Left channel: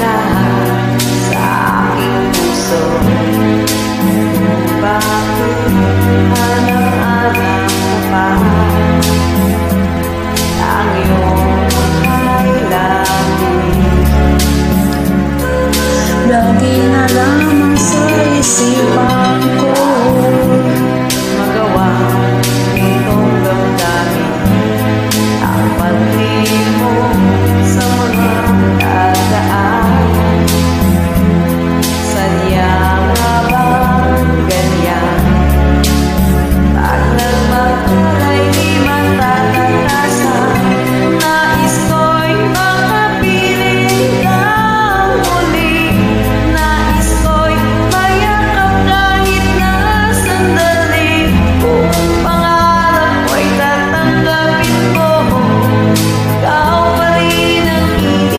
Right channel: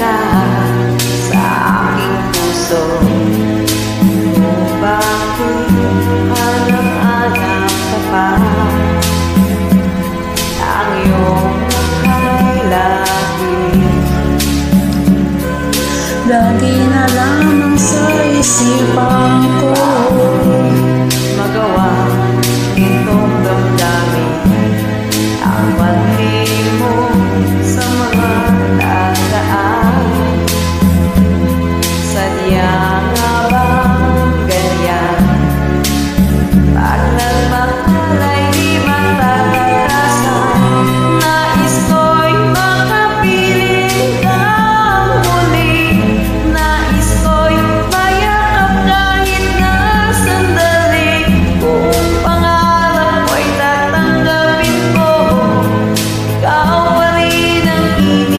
ka sa aking puso. Kung bakit hanap-hanap ka pa, ang iyong mukha'y lagi na lamang sa isipan ko. Magawa nitong damdamin ang pagtingin mo sa mga dadaan.